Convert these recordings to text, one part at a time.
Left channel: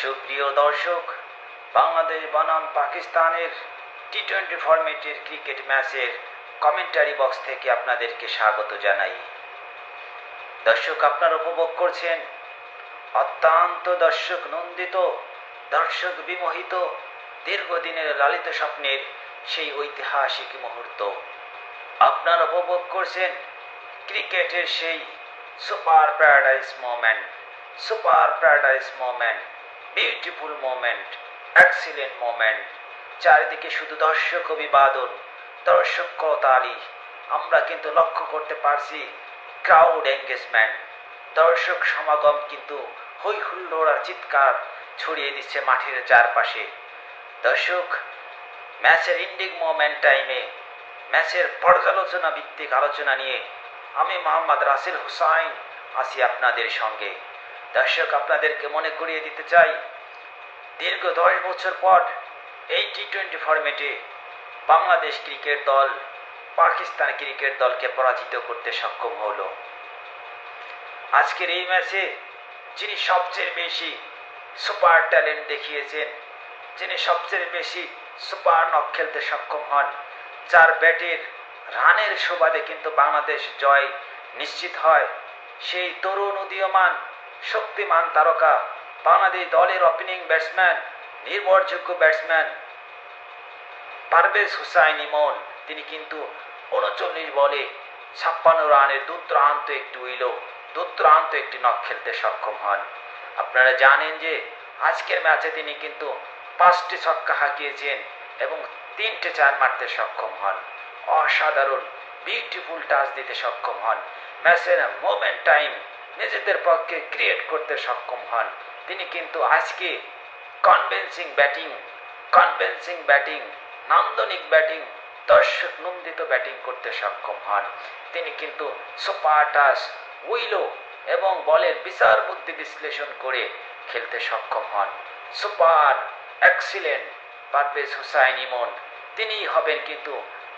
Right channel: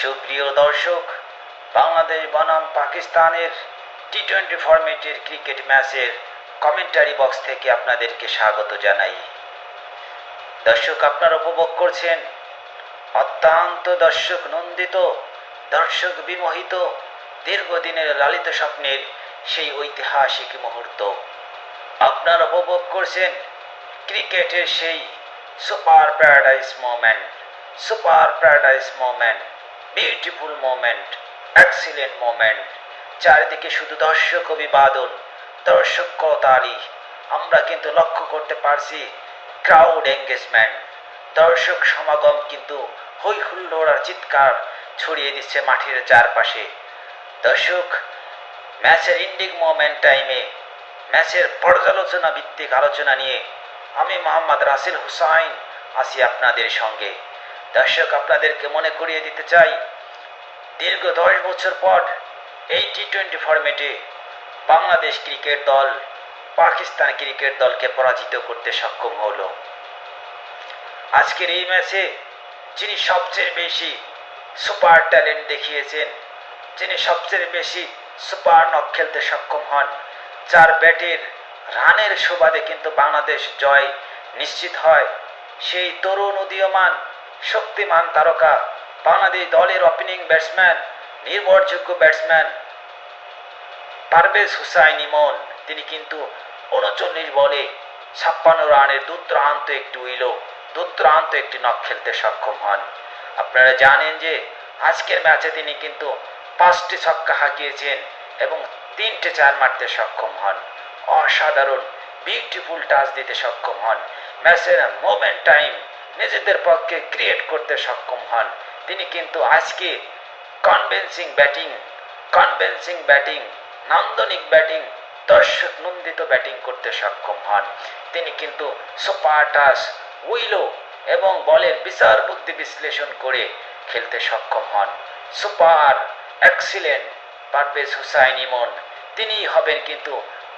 সুপ্রিয় দর্শক, বাংলাদেশ বনাম পাকিস্তানের টি-20 ফরম্যাটের ক্রিকেট ম্যাচের কমেন্টারি বক্স থেকে আপনাদেরকে স্বাগত জানাই। দর্শক, আপনারা উপভোগ করছেন অত্যন্ত দর্শক নন্দিত, দর্শক বিমোহিত, দীর্ঘদিনের লালিত স্বপ্নের সেই ঐতিহাসিক মুহূর্ত। আপনারা উপভোগ করছেন ক্রিকেটের সেই super paradise moment, beautiful moment, excellent moment. চারিদিকে শুধু দর্শক অভিবাদন, দর্শক করতালি। আমরা কিন্তু লক্ষ্য করতে পারছি ক্রাউড এঙ্গেজমেন্ট, দর্শক সমাগম কিন্তু হই হুল্লোড় আর চিৎকার ছড়িয়ে দিচ্ছে মাঠের চারপাশে। দর্শক, ম্যাচের ইন্ডিং মোমেন্ট টাইমে ম্যাচের পর্যালোচনা ভিত্তিক আলোচনা নিয়ে আমি মোহাম্মদ রাসেল হুসাইন আছি আপনাদের সঙ্গে। দর্শক, আপনাদেরকে মনে করিয়ে দিতে চাই, দীর্ঘ 10 বছর পর এই টি-20 ফরম্যাটে বাংলাদেশ ক্রিকেট দল পাকিস্তান ক্রিকেট দলকে পরাজিত করতে সক্ষম হলো। আজকের এই ম্যাচে যিনি সবচেয়ে বেশি সুপার ট্যালেন্ট দেখিয়েছেন, যিনি সবচেয়ে বেশি সুপার নক খেলতে সক্ষম হন, যার ব্যাটের রানের সুবাদে কিন্তু বাংলাদেশ জয় নিশ্চিত হয়, সেই তরুণ উদীয়মান শক্তিমান তারকা বাংলাদেশ দলের ওপেনিং ব্যাটসম্যান, নির্ভরযোগ্য ব্যাটসম্যান পারভেজ হুসাইন ইমন। তিনি কিন্তু 39 বলে 56 রানের দুর্দান্ত একটি নক খেলতে সক্ষম হন। আপনারা জানেন যে আজকের ম্যাচে তিনি কিন্তু 5টি ছক্কা হাঁকিয়েছেন এবং 3টে 4 মারতে সক্ষম হন। অসাধারণ বিউটিফুল টাচ দিতে সক্ষম হন। ম্যাচের মোমেন্ট টাইম নিজেদের পক্ষে ক্রিয়েট করতে সক্ষম হন। তিনি কিন্তু আজকে কনভিন্সিং ব্যাটিং, নান্দনিক ব্যাটিং, দর্শক নন্দিত ব্যাটিং করতে সক্ষম হন। তিনি কিন্তু সুপার টাচ, উইলো এবং বলের বিচার বুদ্ধি বিশ্লেষণ করে খেলতে সক্ষম হন। সুপার এক্সিলেন্ট পারভেজ হুসাইন ইমন, তিনিই হবেন কিন্তু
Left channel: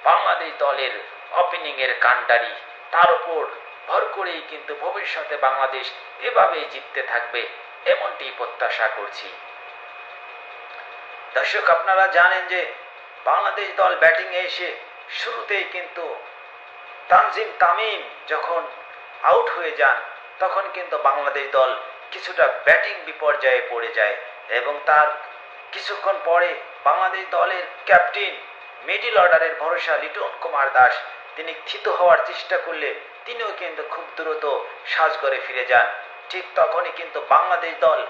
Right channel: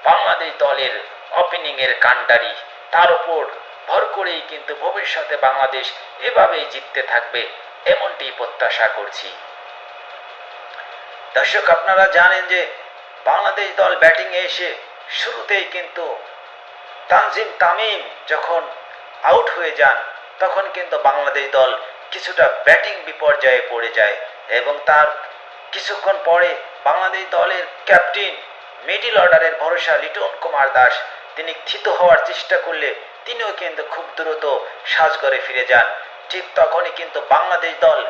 বাংলাদেশ দলের ওপেনিং এর কাণ্ডারি। তার উপর ভর করেই কিন্তু ভবিষ্যতে বাংলাদেশ এভাবেই জিততে থাকবে, এমনটি প্রত্যাশা করছি। দর্শক, আপনারা জানেন যে বাংলাদেশ দল ব্যাটিংয়ে এসে শুরুতেই কিন্তু তানজিম তামিম যখন আউট হয়ে যান, তখন কিন্তু বাংলাদেশ দল কিছুটা ব্যাটিং বিপর্যয়ে পড়ে যায় এবং তার কিছুক্ষণ পরে বাংলাদেশ দলের ক্যাপ্টেন, মিডল অর্ডারের ভরসা লিটন কুমার দাস, তিনি থিত হওয়ার চেষ্টা করলে তিনিও কিন্তু খুব দ্রুত সাজঘরে ফিরে যান। ঠিক তখনই কিন্তু বাংলাদেশ দল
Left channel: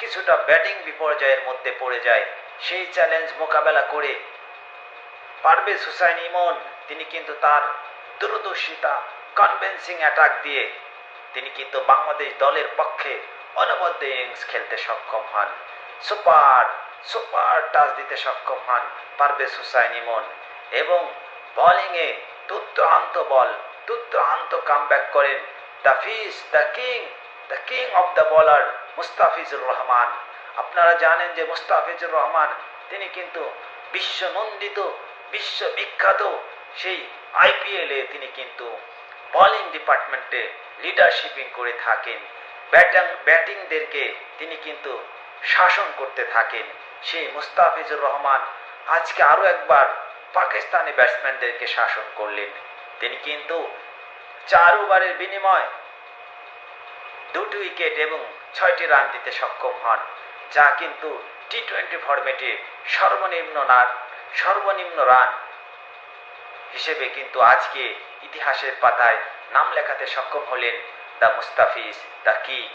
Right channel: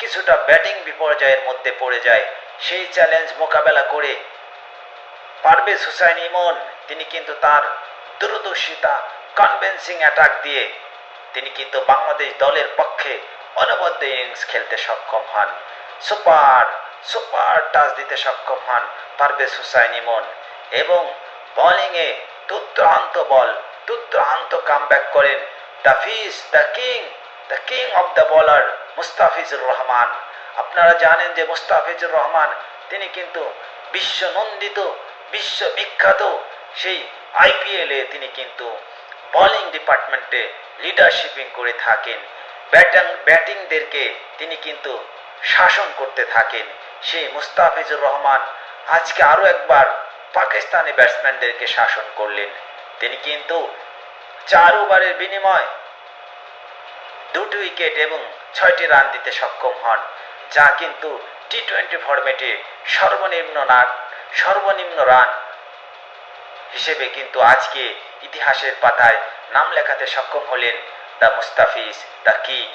কিছুটা ব্যাটিং বিপর্যয়ের মধ্যে পড়ে যায়। সেই চ্যালেঞ্জ মোকাবেলা করে পারভেজ হুসাইন ইমন তিনি কিন্তু তার দূরদর্শিতা, কনভিন্সিং অ্যাটাক দিয়ে তিনি কিন্তু বাংলাদেশ দলের পক্ষে অনবদ্য ইনিংস খেলতে সক্ষম হন। সুপার টাচ দিতে সক্ষম হন পারভেজ হুসাইন ইমন এবং বোলিংয়ে দুর্দান্ত কামব্যাক করেন the king of the bowler Mustafizur Rahman. আপনারা জানেন যে মুস্তাফিজুর রহমান তিনি কিন্তু বিশ্বনন্দিত, বিশ্ববিখ্যাত সেই আইপিএলে তিনি কিন্তু বোলিং ডিপার্টমেন্টে লিডারশিপিং করে থাকেন। ব্যাটিংদেরকে তিনি কিন্তু শাসন করতে থাকেন। সেই মুস্তাফিজুর রহমান আজকে আরো একবার পাকিস্তানি ব্যাটসম্যানদেরকে শাসন করলেন। তিনি কিন্তু 4 ওভারের বিনিময় 2টি উইকেট এবং 6টি রান দিতে সক্ষম হন, যা কিন্তু টি-20 ফরম্যাটে সর্বনিম্ন রান হিসেবে কিন্তু আজকে ইতিহাসের পাতায় নাম লেখাতে সক্ষম হলেন দ্য মুস্তাফিজ, দ্য কিং।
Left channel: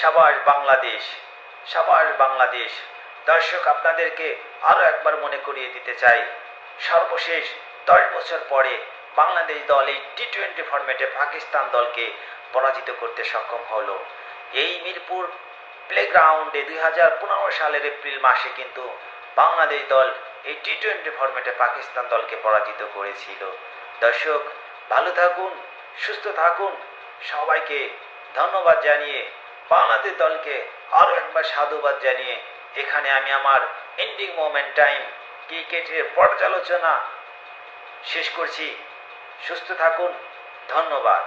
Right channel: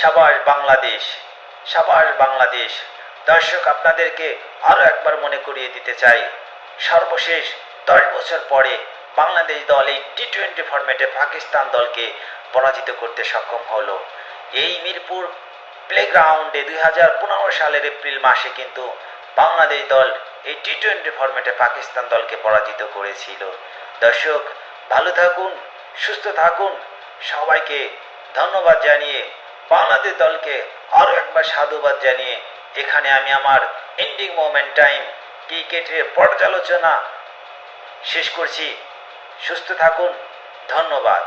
সাবাশ বাংলাদেশ। দর্শক, আপনাদেরকে আরো একবার মনে করিয়ে দিতে চাই, সর্বশেষ 10 বছর পরে বাংলাদেশ দল এই টি-20 ফরম্যাটে পাকিস্তান দলকে পরাজিত করতে সক্ষম হলো। এই মিরপুর প্লেগ্রাউন্ডে 2015 সালের এপ্রিল মাসে কিন্তু বাংলাদেশ দল এই টি-20 ফরম্যাটে পাকিস্তান দলকে পরাজিত করেছিল। দর্শক, ভালো থাকুন, সুস্থ থাকুন। সবাইকে ধন্যবাদ জানিয়ে, বাংলাদেশ দলকে আরো একবার সাধুবাদ জানিয়ে এখানে আমি আমার এন্ডিং মোমেন্ট টাইম ক্রিকেটের পর্যালোচনা শেষ করছি। সুস্থ থাকুন, ধন্যবাদ।